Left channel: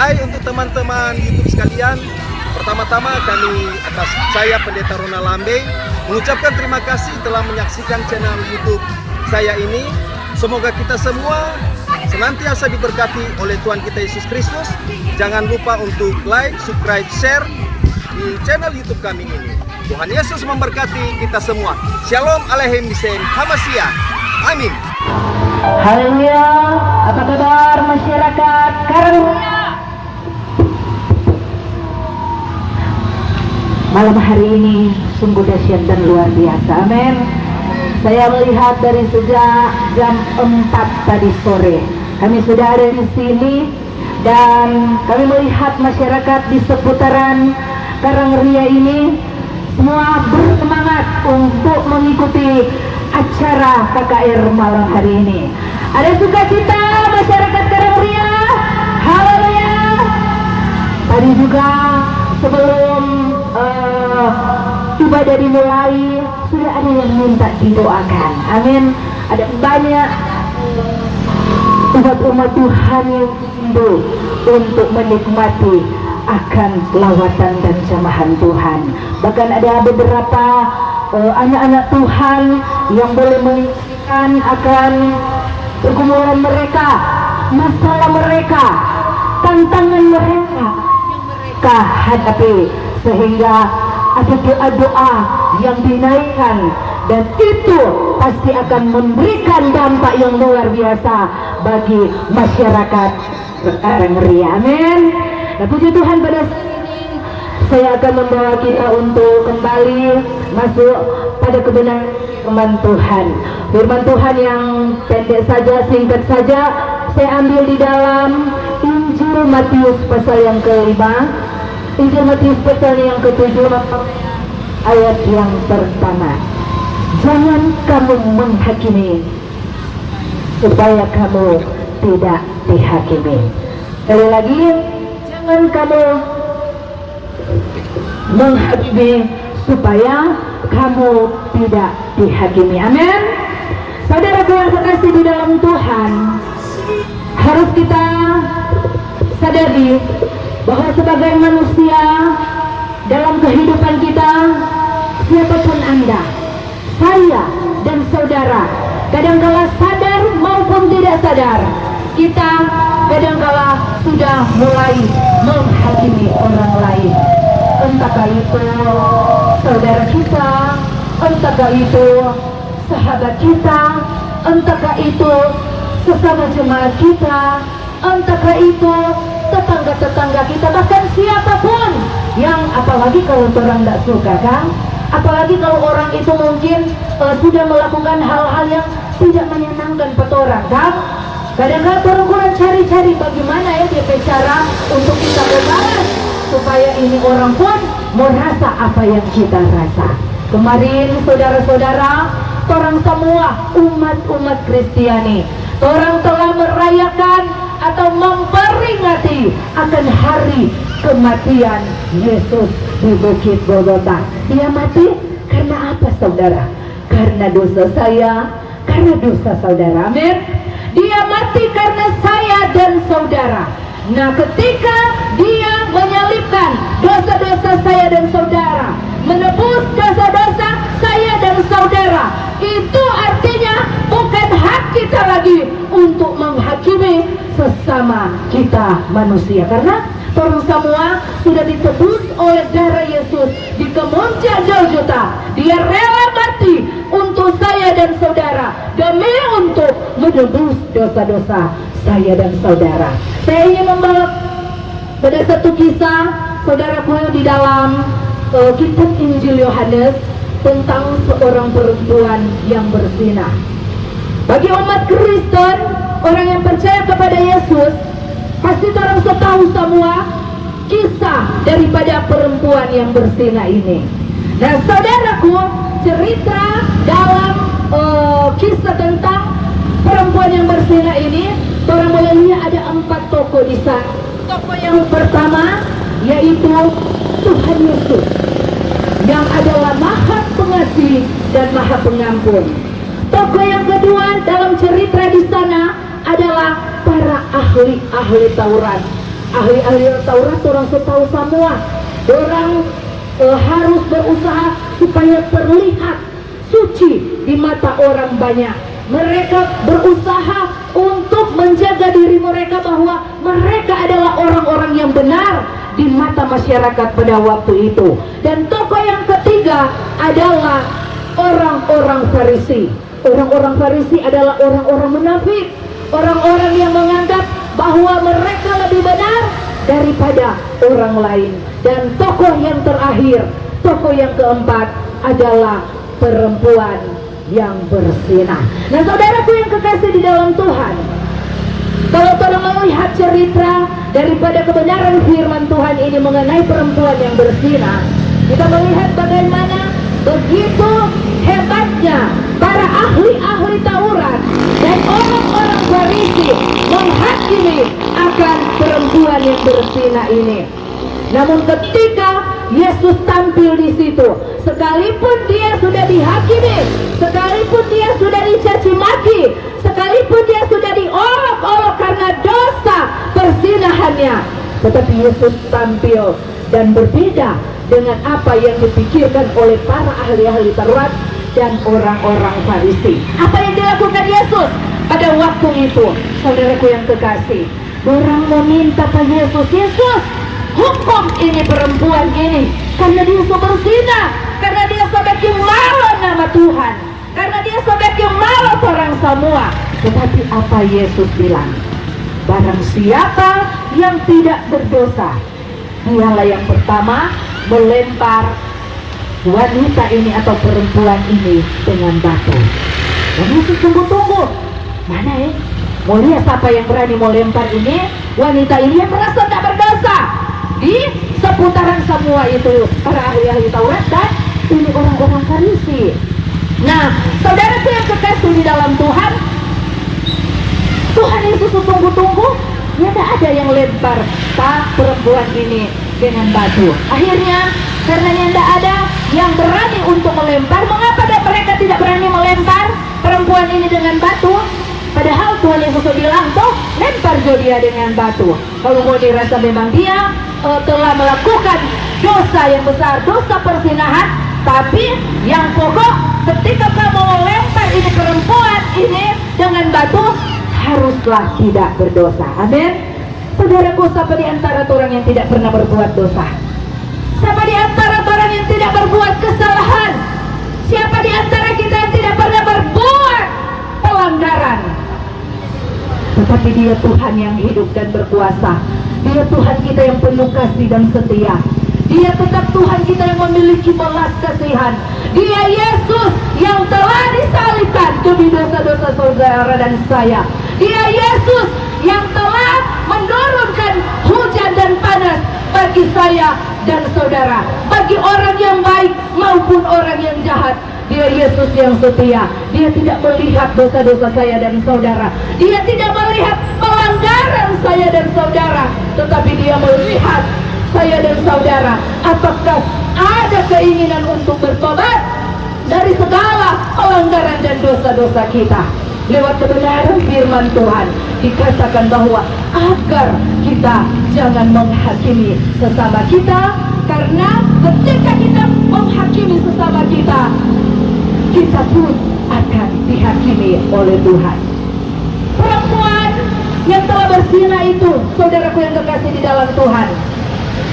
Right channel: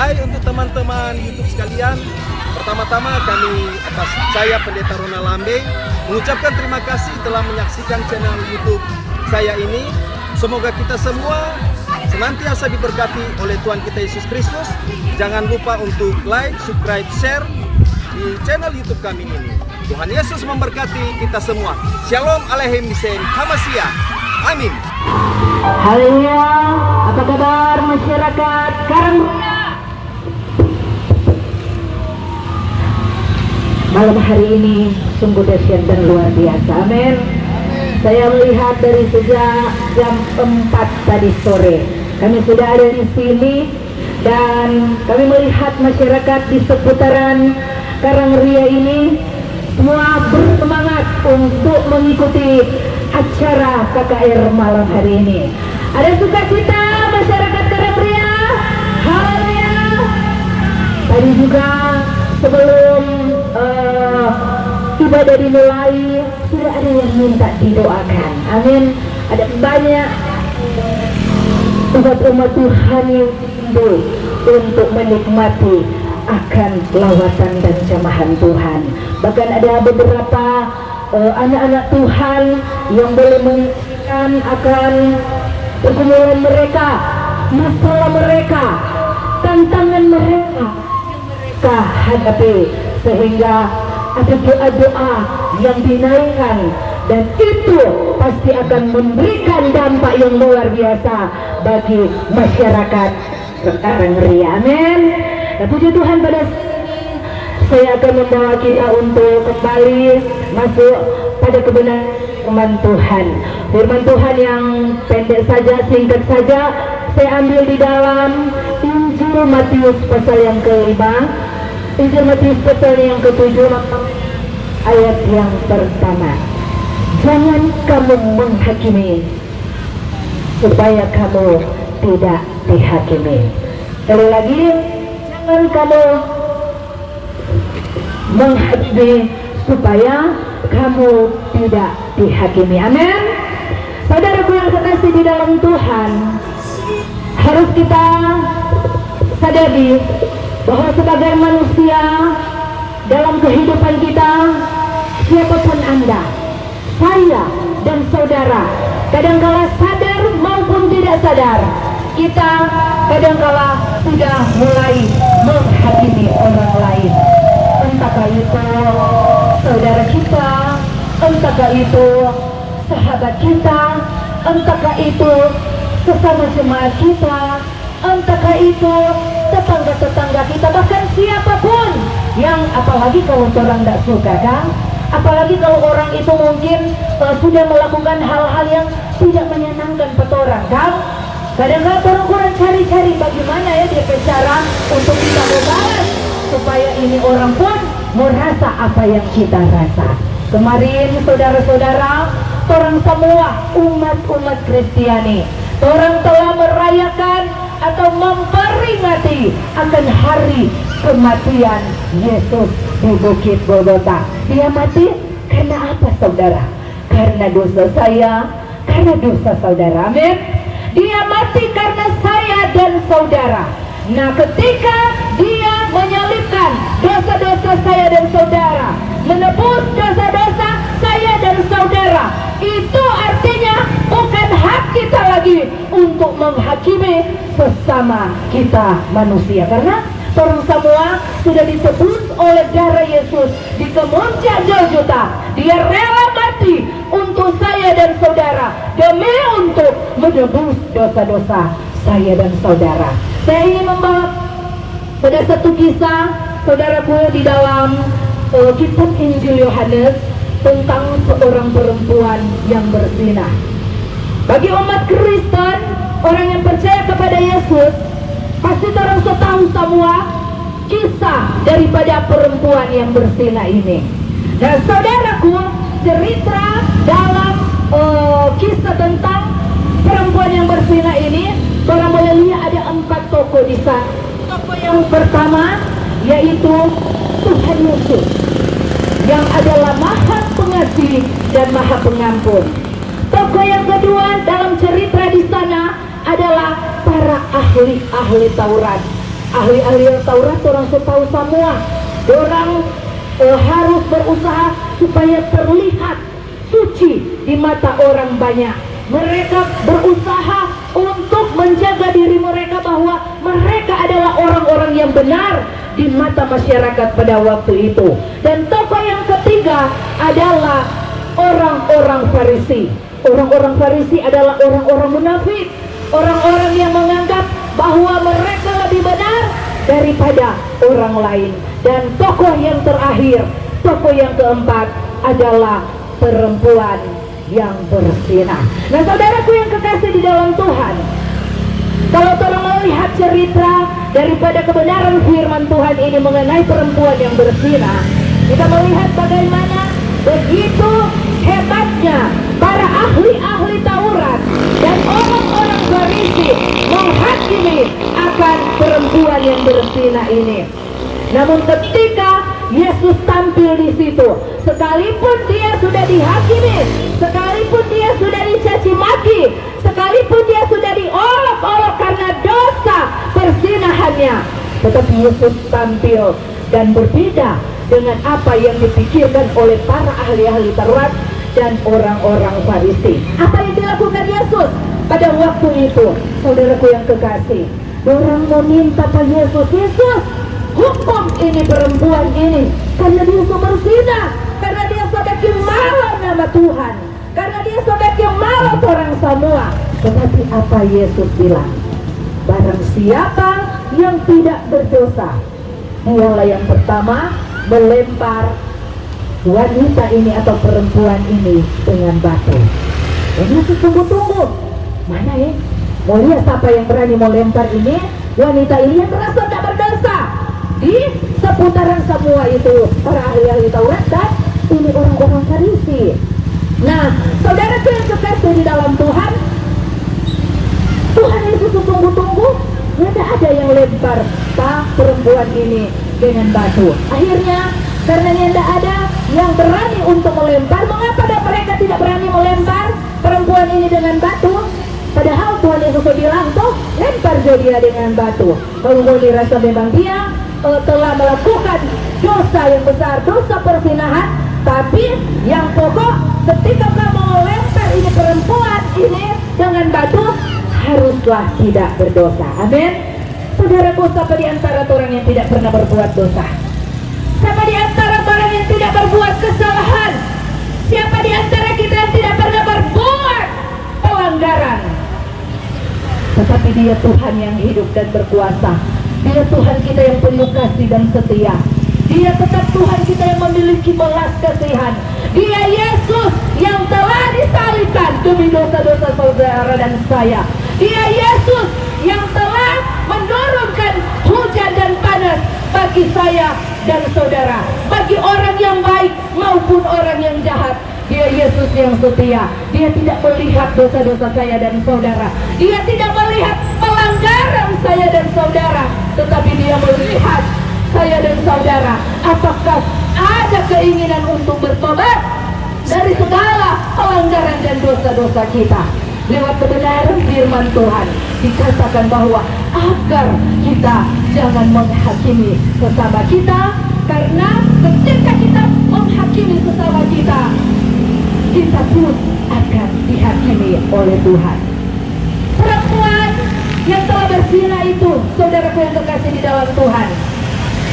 Hai untuk teman-teman YouTube sekalian. Pertama-tama kami atas saya Pendeta Ronald Lambe mengucapkan terima kasih telah menyaksikan channel YouTube saya ini. Semoga kita semua senantiasa diberkati oleh Tuhan kita Yesus Kristus. Jangan lupa untuk like, subscribe, share di channel YouTube kami ini. Tuhan Yesus memberkati kita semua. Shalom Aleichem Bishen Hamashiach. Amin. Haleluya. Apa kabar masyarakat Karangria? Malam hari ini sungguh dahsyat dan luar biasa. Amin. Saya melihat dari sejak jam 4 tadi sore kami sudah ada di sini dan kami melihat masyarakat di seputaran Karangria ini semua bersemangat untuk mengikuti acara KKR malam hari ini. Ada sukacita masyarakat Karangria. Haleluya. Tadi juga sebelum ibadah dimulai sudah ada yang minta didoakan. Amin. Ada banyak umat Tuhan yang rindu untuk menikmati akan lawatan dan jamahan Tuhan. Bahkan ada beberapa anak-anak Tuhan yang boleh menyaksikan akan pergumulan mereka, masalah mereka, tantangan mereka yang mereka hadapi, sehingga ada doa-doa yang dinaikkan dan itu pasti akan memberikan dampak yang luar biasa bagi masyarakat Karangria. Amin. Dan puji Tuhan, pada saat ini saya akan membawa kita untuk kembali masuk pada kebenaran firman Tuhan. Firman Tuhan yang pendek saja, singkat saja, saya ambil di dalam Injil Matius pasal yang ke-5. Injil Matius pasal yang ke-7 ayat yang pertama. Jangan kamu menghakimi supaya kamu tidak dihakimi. Sekali lagi, jangan kamu menghakimi supaya kamu tidak dihakimi. Amin. Saudaraku yang terkasih di dalam Tuhan, harus kita sadari bahwa sebagai manusia dalam kehidupan kita, siapapun Anda, saya dan saudara, kadangkala sadar maupun tidak sadar, kita kadangkala sudah mulai menghakimi orang lain. Entahkah itu saudara kita, entahkah itu sahabat kita, entahkah itu sesama jemaat kita, entahkah itu tetangga-tetangga kita, bahkan siapapun yang, apalagi kalau orang tidak suka kan, apalagi kalau orang itu mungkin sudah melakukan hal-hal yang tidak menyenangkan pada orang kan. Kadang-kadang orang kurang cari-cari bagaimana ya dia cara untuk kita berbalas supaya ini orang pun merasa apa yang kita rasa. Kemarin saudara-saudara, orang semua umat Kristiani, orang telah merayakan atau memperingati akan hari kematian Yesus di Bukit Golgota. Dia mati karena apa saudara? Karena dosa saya, karena dosa saudara. Amin. Dia mati karena saya dan saudara. Nah, ketika dia menyalibkan dosa-dosa saya dan saudara, menebus dosa-dosa saya dan saudara, itu artinya bukan hak kita lagi untuk menghakimi sesama kita manusia, karena orang semua sudah ditebus oleh darah Yesus di kemuncak Golgota. Dia rela mati untuk saya dan saudara demi untuk menebus dosa-dosa saya dan saudara. Saya ingin membawa pada satu kisah saudaraku di dalam kitab Injil Yohanes tentang seorang perempuan yang berzinah. Bagi umat Kristen, orang yang percaya kepada Yesus, pasti orang tahu semua kisah daripada perempuan yang berzina ini. Nah saudaraku, cerita dalam kisah tentang perempuan yang berzina ini, orang boleh lihat ada 4 tokoh di sana. Tokoh yang pertama yaitu Tuhan Yesus, yang adalah Maha Pengasih dan Maha Pengampun. Tokoh yang kedua dalam cerita di sana adalah para ahli Taurat. ahli-ahli Taurat orang setahu semua, orang harus berusaha supaya terlihat suci di mata orang banyak. Mereka berusaha untuk menjaga diri mereka bahwa mereka adalah orang-orang yang benar di mata masyarakat pada waktu itu. Dan tokoh yang ketiga adalah orang-orang Farisi. Orang-orang Farisi adalah orang-orang munafik, orang-orang yang menganggap bahwa mereka lebih benar daripada orang lain. Dan tokoh yang terakhir, tokoh yang keempat adalah perempuan yang bersinar. Nah, saudaraku yang kekasih di dalam Tuhan, kalau tolong melihat cerita daripada kebenaran firman Tuhan ini mengenai perempuan yang bersinar, kita melihat bagaimana begitu hebatnya para ahli-ahli Taurat dan orang-orang Farisi menghakimi akan perempuan yang bersinar ini. Namun ketika Yesus tampil di situ, sekalipun dia sudah dihakimi, sekalipun dia sudah dicaci maki, sekalipun dia sudah diolok-olok karena dosa perzinahannya, tetapi Yesus tampil dan berbeda dengan apa yang dipikirkan oleh para ahli-ahli Taurat dan orang-orang Farisi. Apa yang dilakukan Yesus pada waktu itu? Saudaraku yang kekasih, orang meminta ke Yesus, Yesus, hukum ini perempuan ini karena dia berzina, karena dia sebagai malu nama Tuhan, karena dia sebagai malu orang semua. Tetapi apa Yesus bilang? Barang siapa yang tidak berdosa, dialah yang pertama melempar wanita ini atau perempuan ini dengan batu. Dan Yesus tunggu-tunggu, mana ya? Mau lihat siapa yang berani mau lempar ini? Wanita ini yang merasa tak berdosa. Di seputaran semua itu para ahli-ahli Taurat dan ini orang-orang Farisi. Nah, saudaraku yang kekasih di dalam Tuhan, Tuhan Yesus tunggu-tunggu, tidak ada yang lempar perempuan ini dengan batu. Akhirnya, karena tidak ada yang berani untuk melempar, mengapa mereka tidak berani melempar perempuan ini dengan batu? Padahal Tuhan Yesus bilang, toh lempar dia dengan batu. Kalau mau dirasa memang dia telah melakukan dosa yang besar, dosa perzinahan, tapi yang pokok ketika kamu melempar ini perempuan ini dengan batu, haruslah tidak berdosa. Amin. Saudaraku, siapa di antara orang yang tidak pernah berbuat dosa? Siapa di antara orang yang tidak berbuat kesalahan? Siapa di antara kita yang tidak pernah berbuat pelanggaran? Tetapi dia Tuhan yang hidup dan berkuasa. Dia Tuhan kita yang penuh kasih dan setia. Dia tetap Tuhan kita yang memiliki belas kasihan. Dia Yesus yang telah disalibkan demi dosa-dosa saudara dan saya. Dia Yesus yang telah menurunkan hujan dan panas bagi saya dan saudara, bagi orang yang baik maupun orang yang jahat. Dia Yesus yang setia. Dia tidak melihat dosa-dosa saya dan saudara. Dia tidak melihat pelanggaran saya dan saudara, tetapi dia melihat saya dan saudara. Apakah ada keinginan untuk bertobat dari segala pelanggaran dan dosa-dosa kita? Lewat kebenaran firman Tuhan dikatakan bahwa agar kita jangan menghakimi sesama kita, karena ketika kita menghakimi sesama kita, kita pun akan dihakimi oleh Tuhan. Perempuan yang telah berzina itu, saudaraku yang terkasih di dalam Tuhan,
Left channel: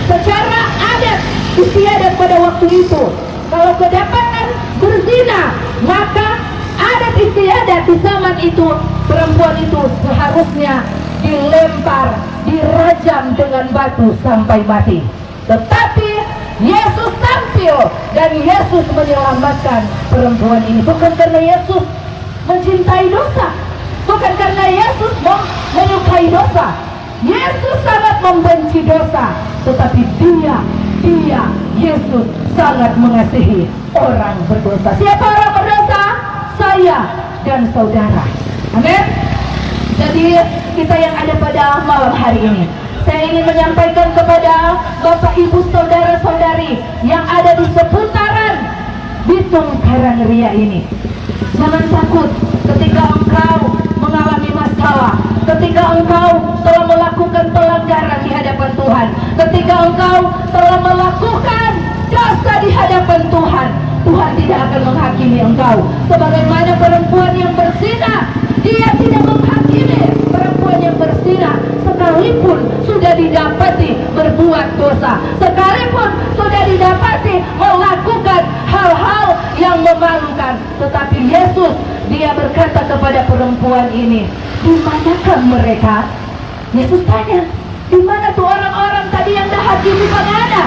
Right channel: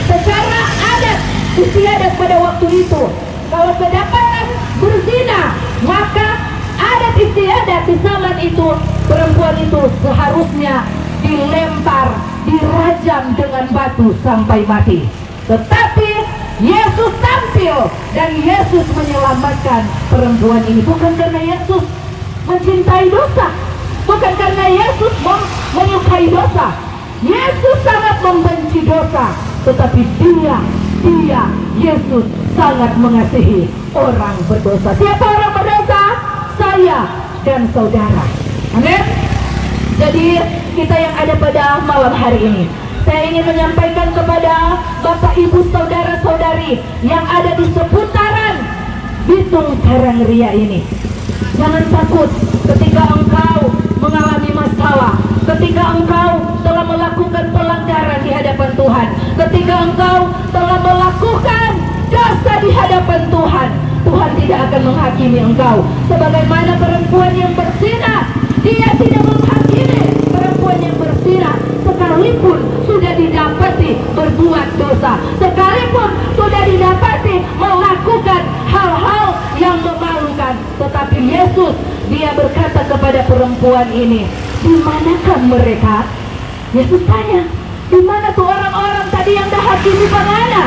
secara adat istiadat pada waktu itu, kalau kedapatan berzina, maka adat istiadat di zaman itu, perempuan itu seharusnya dilempar, dirajam dengan batu sampai mati. Tetapi Yesus tampil dan Yesus menyelamatkan perempuan ini, bukan karena Yesus mencintai dosa, bukan karena Yesus menyukai dosa. Yesus sangat membenci dosa, tetapi dia Yesus sangat mengasihi orang berdosa. Siapa orang berdosa? Saya dan saudara. Amin. Jadi kita yang ada pada malam hari ini, saya ingin menyampaikan kepada Bapak Ibu saudara-saudari yang ada di seputaran Bitung Karangria ini, jangan takut ketika engkau mengalami masalah, ketika engkau telah melakukan pelanggaran di hadapan Ketika engkau telah melakukan dosa di hadapan Tuhan, Tuhan tidak akan menghakimi engkau. Sebagaimana perempuan yang berzina, dia tidak menghakimi perempuan yang berzina sekalipun sudah didapati berbuat dosa, sekalipun sudah didapati melakukan hal-hal yang memalukan. Tetapi Yesus, dia berkata kepada perempuan ini, di manakah mereka? Yesus tanya, di mana tuh orang-orang tadi yang dihakimi pengana?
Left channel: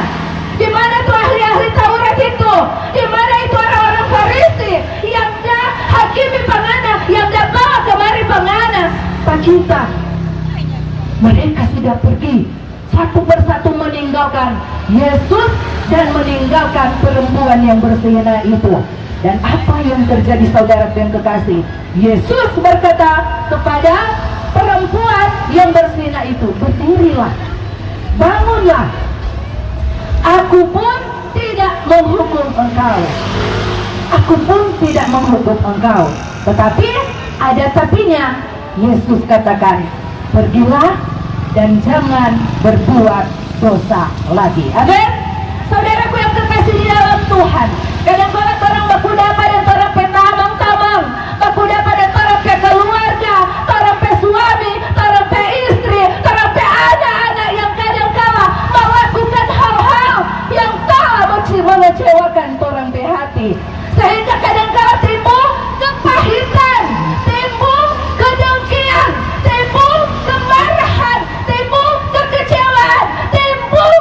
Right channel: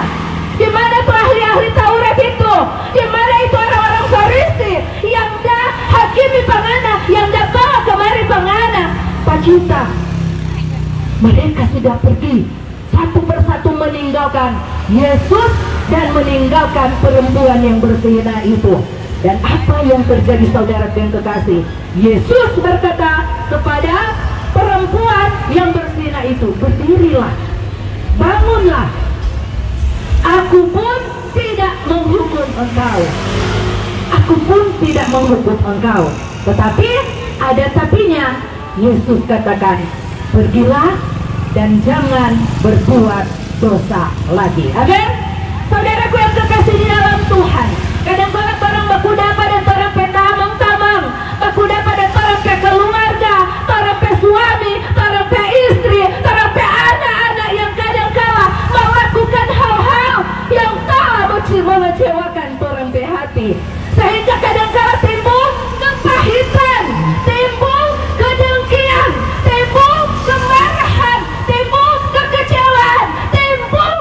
Di mana tuh ahli-ahli Taurat itu? Di mana itu orang-orang Farisi yang dah hakimi pengana, yang dah bawa kemari pengana? Pak kita, mereka sudah pergi satu persatu meninggalkan Yesus dan meninggalkan perempuan yang berzina itu. Dan apa yang terjadi, saudara yang kekasih? Yesus berkata kepada perempuan yang berzina itu, berdirilah, bangunlah, aku pun tidak menghukum engkau. Aku pun tidak menghukum engkau. Tetapi ada tapinya. Yesus katakan, pergilah dan jangan berbuat dosa lagi. Amin. Saudaraku yang terkasih di dalam Tuhan, kadang-kadang orang bakudapa dan orang petamang-tamang, bakudapa dan orang pe keluarga, orang pe suami, orang pe istri, orang pe anak-anak yang kadang-kala melakukan hal-hal yang telah mengecewakan orang pe hati, sehingga kadang-kala timbul kepahitan, timbul kedengkian, timbul kemarahan, timbul kekecewaan, timbul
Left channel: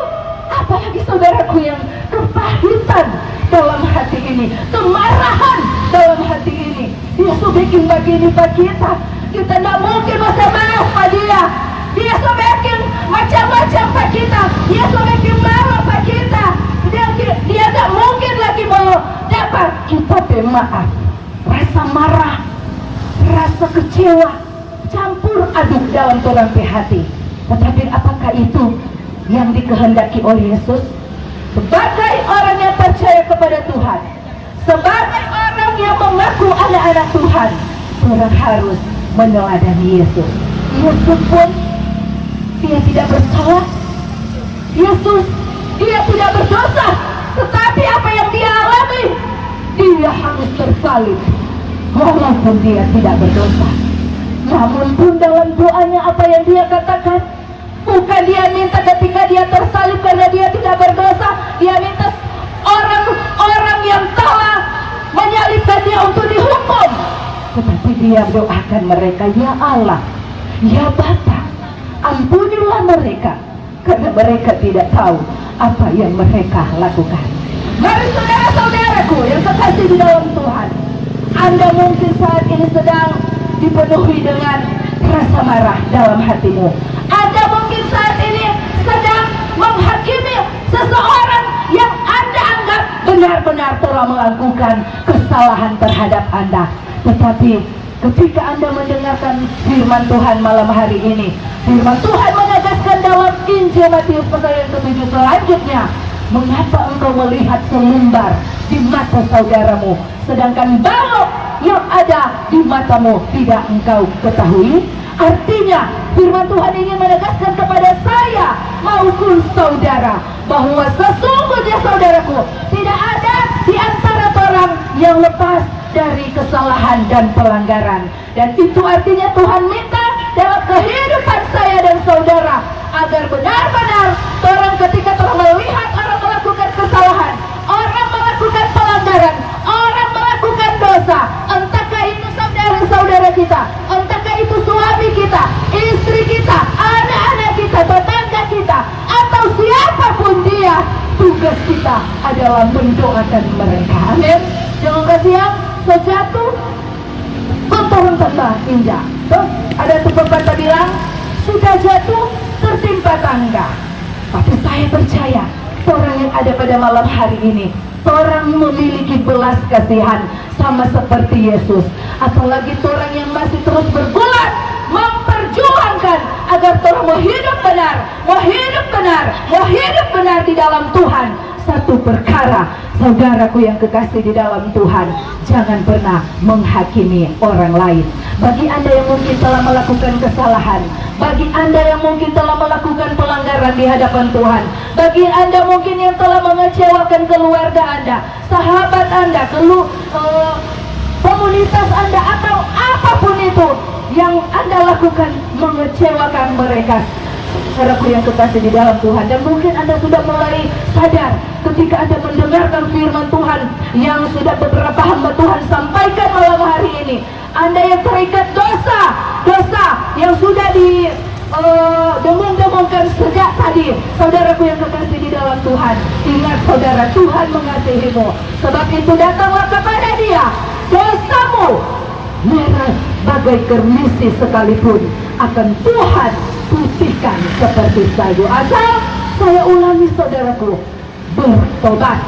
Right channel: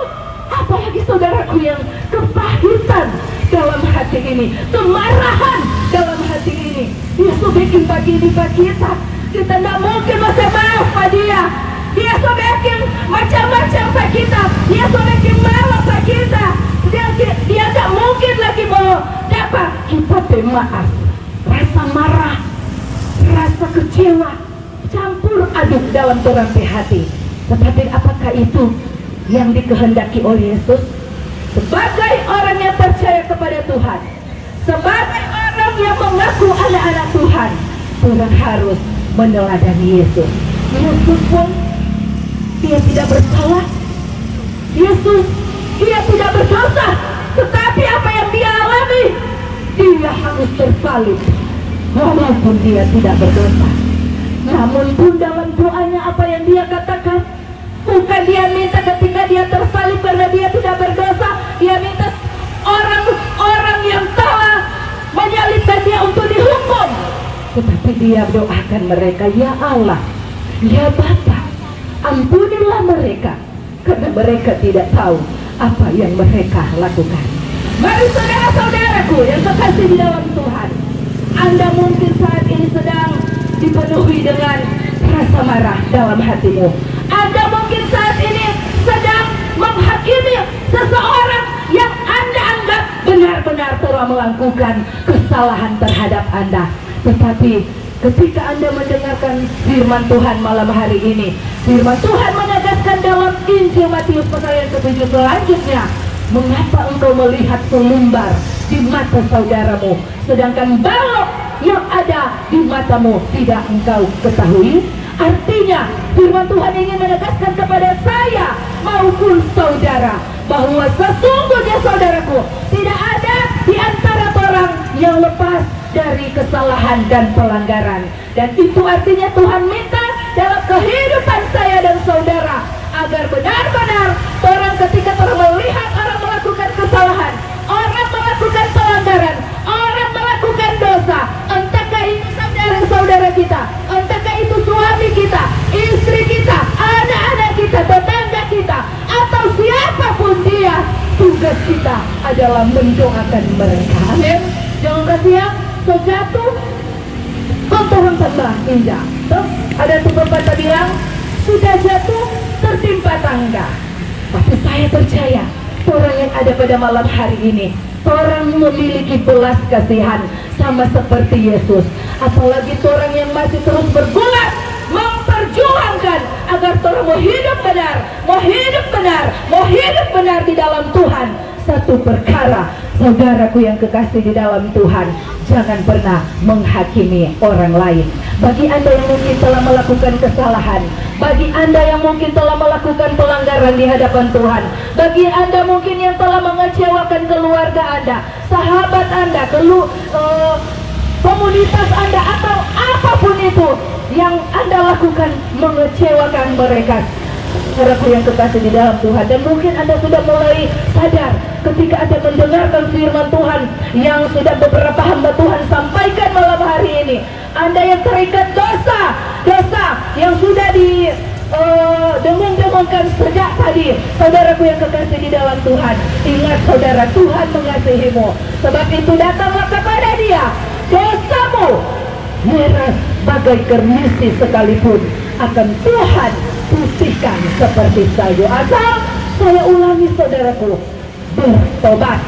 apalagi saudaraku yang kepahitan dalam hati ini, kemarahan dalam hati ini. Dia sudah bikin begini pak kita tidak mungkin masa maaf pak dia. Dia sudah bikin macam-macam pak kita, dia sudah bikin marah pak kita. Dia tak mungkin lagi mau dapat kita maaf. Rasa marah, rasa kecewa, campur aduk dalam orang hati. Tetapi apakah itu yang dikehendaki oleh Yesus? Sebagai orang yang percaya kepada Tuhan, sebagai orang yang mengaku anak-anak Tuhan, orang harus meneladani Yesus. Yesus pun, dia tidak bersalah. Yesus, dia tidak berdosa. Tetapi apa yang dia alami, dia harus tersalib. Walaupun dia tidak berdosa, namun pun dalam doanya apa yang dia katakan, bukan dia minta ketika dia tersalib karena dia tidak berdosa, dia minta orang-orang yang telah menyalibkan dia untuk dihukum. Tetapi dia doakan mereka, ya Allah, ya Bapa, ampunilah mereka, karena mereka tidak tahu apa yang mereka lakukan. Mari saudara-saudaraku yang kekasih di dalam Tuhan, Anda mungkin saat ini sedang dipenuhi dengan rasa marah dalam hatimu. Anda mungkin saat ini sedang menghakimi seseorang yang Anda anggap benar-benar telah melakukan kesalahan terhadap Anda. Tetapi ketika Anda mendengarkan firman Tuhan malam hari ini, firman Tuhan menegaskan dalam Injil Matius pasal yang ke-7 selanjutnya, mengapa engkau melihat selumbar di mata saudaramu, sedangkan balok yang ada di matamu tidak engkau ketahui? Artinya firman Tuhan ingin menegaskan kepada saya maupun saudara bahwa sesungguhnya saudaraku, tidak ada di antara orang yang lepas dari kesalahan dan pelanggaran. Dan itu artinya Tuhan minta dalam kehidupan saya dan saudara agar benar-benar orang ketika telah melihat orang melakukan kesalahan, orang melakukan pelanggaran, orang melakukan dosa, entahkah itu saudara-saudara kita, entahkah itu suami kita, istri kita, anak-anak kita, tetangga kita, atau siapapun dia, tugas kita adalah mendoakan mereka. Amin. Jangan kasihan sejatuh tontonan tangga indah. Terus ada tuh pepatah bilang, sudah jatuh tertimpa tangga. Tapi saya percaya orang yang ada pada malam hari ini, orang memiliki belas kasihan sama seperti Yesus. Apalagi orang yang masih terus bergulat memperjuangkan agar orang mau hidup benar, mau hidup benar, mau hidup benar di dalam Tuhan. Satu perkara, Saudaraku yang kekasih di dalam Tuhan, jangan pernah menghakimi orang lain. Bagi Anda yang mungkin telah melakukan kesalahan, bagi Anda yang mungkin telah melakukan pelanggaran di hadapan Tuhan, bagi Anda mungkin yang telah mengecewakan keluarga Anda, sahabat Anda, komunitas Anda, atau apapun itu yang Anda lakukan mengecewakan mereka. Saudaraku yang kekasih di dalam Tuhan, dan mungkin Anda sudah mulai sadar ketika Anda mendengarkan firman Tuhan yang sudah beberapa hamba Tuhan sampaikan malam hari ini. Anda yang terikat dosa yang sudah dengung-dengungkan sejak tadi. Saudaraku yang kekasih di dalam Tuhan, ingat saudara, Tuhan mengasihimu. Sebab itu datanglah kepada Dia. Dosamu merah bagai kermisi sekalipun akan Tuhan putihkan seperti salju. Asal, saya ulangi saudaraku, bertobat,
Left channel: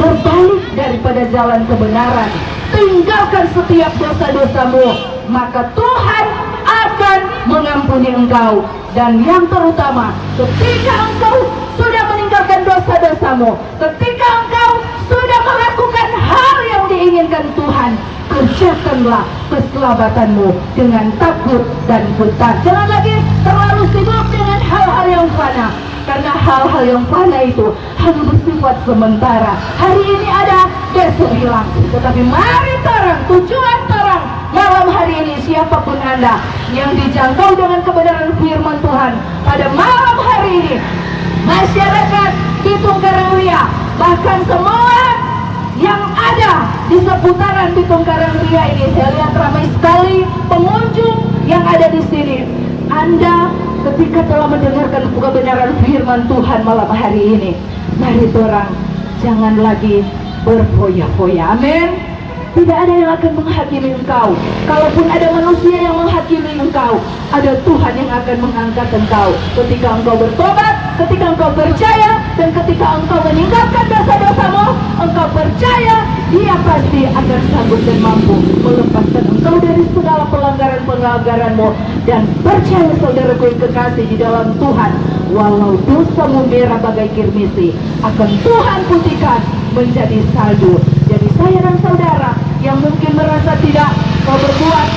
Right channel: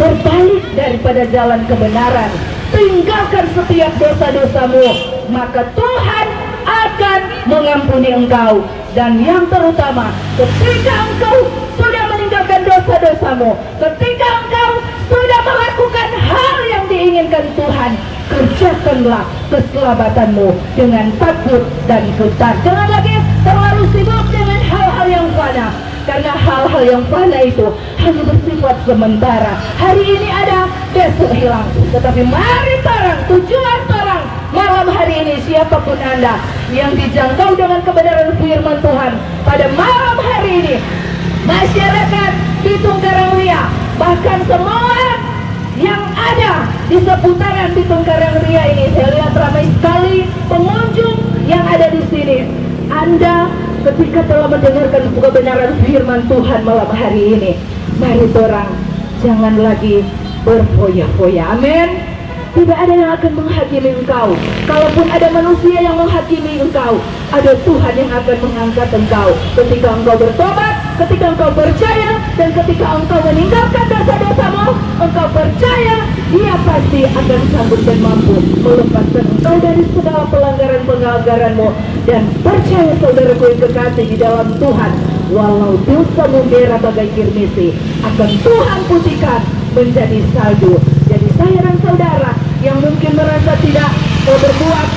berbalik daripada jalan kebenaran, tinggalkan setiap dosa-dosamu, maka Tuhan akan mengampuni engkau. Dan yang terutama, ketika engkau sudah meninggalkan dosa-dosamu, ketika engkau sudah melakukan hal yang diinginkan Tuhan, kerjakanlah keselamatanmu dengan takut dan gentar. Jangan lagi terlalu sibuk dengan hal-hal yang fana, karena hal-hal yang fana itu hanya bersifat sementara. Hari ini ada, besok hilang. Tetapi mari terang, tujuan terang malam hari ini, siapapun Anda yang dijangkau dengan kebenaran firman Tuhan pada malam hari ini, masyarakat Bitung Karangria, bahkan semua yang ada di seputaran Bitung Karangria ini, saya lihat ramai sekali pengunjung yang ada di sini. Anda ketika telah mendengarkan kebenaran firman Tuhan malam hari ini, mari orang jangan lagi berfoya-foya. Amin. Tidak ada yang akan menghakimi engkau. Kalaupun ada manusia yang menghakimi engkau, ada Tuhan yang akan mengangkat engkau. Ketika engkau bertobat, ketika engkau percaya, dan ketika engkau meninggalkan dosa-dosamu, engkau percaya Dia pasti akan sanggup dan mampu melepaskan engkau dari segala pelanggaran-pelanggaranmu. Dan percaya saudaraku yang kekasih di dalam Tuhan, walau dosamu merah bagai kirmisi, akan Tuhan putihkan menjadi salju. Jadi saya dan saudara yang mungkin merasa tidak berbuat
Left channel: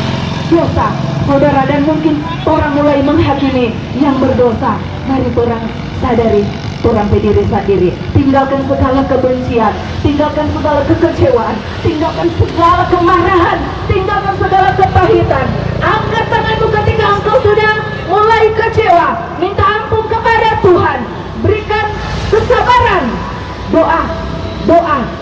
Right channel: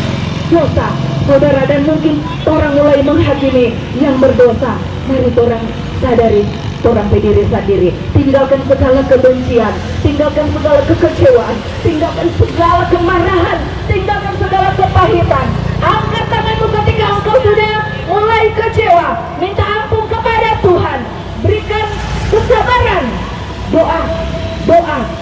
dosa, saudara, dan mungkin orang mulai menghakimi yang berdosa, mari orang sadari, orang berdiri sendiri, tinggalkan segala kebencian, tinggalkan segala kekecewaan, tinggalkan segala kemarahan, tinggalkan segala kepahitan. Angkat tanganmu ketika engkau sudah mulai kecewa, minta ampun kepada Tuhan, berikan kesabaran, doa,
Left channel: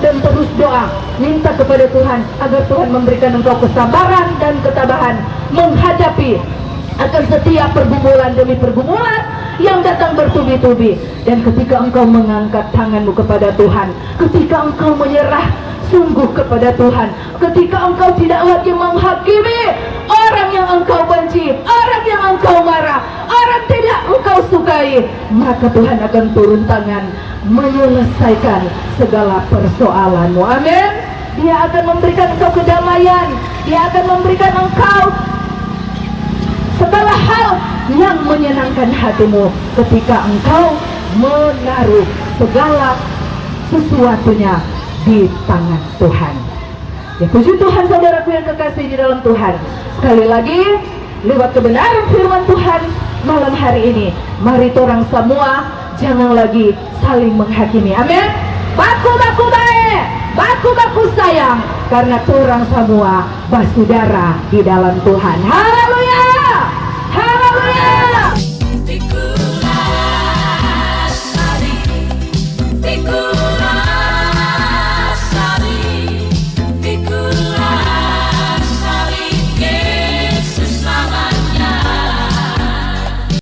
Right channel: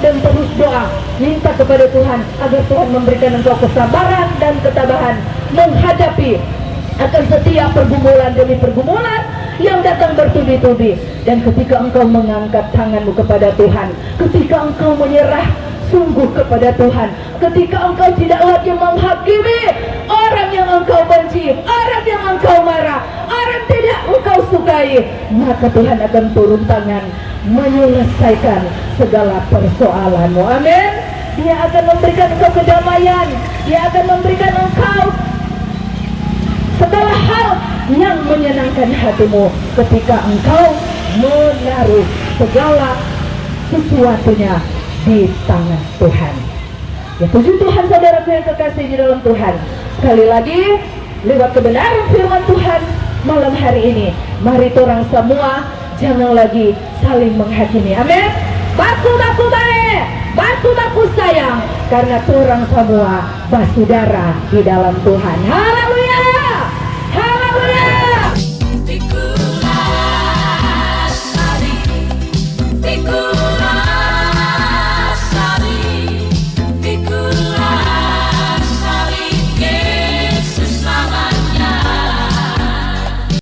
dan terus doa, minta kepada Tuhan agar Tuhan memberikan engkau kesabaran dan ketabahan menghadapi akan setiap pergumulan demi pergumulan yang datang bertubi-tubi. Dan ketika engkau mengangkat tanganmu kepada Tuhan, ketika engkau menyerah sungguh kepada Tuhan, ketika engkau tidak lagi menghakimi orang yang engkau benci, orang yang engkau marah, orang tidak engkau sukai, maka Tuhan akan turun tangan menyelesaikan segala persoalanmu. Amin. Dia akan memberikan engkau kedamaian, Dia akan memberikan engkau segala hal yang menyenangkan hatimu ketika engkau menaruh segala sesuatunya di tangan Tuhan. Ya, puji Tuhan saudaraku yang kekasih di dalam Tuhan. Sekali lagi, lewat kebenaran firman Tuhan malam hari ini, mari orang semua jangan lagi saling menghakimi. Amin. Baku-baku baik, baku-baku sayang, karena orang semua bersaudara di dalam Tuhan. Haleluya.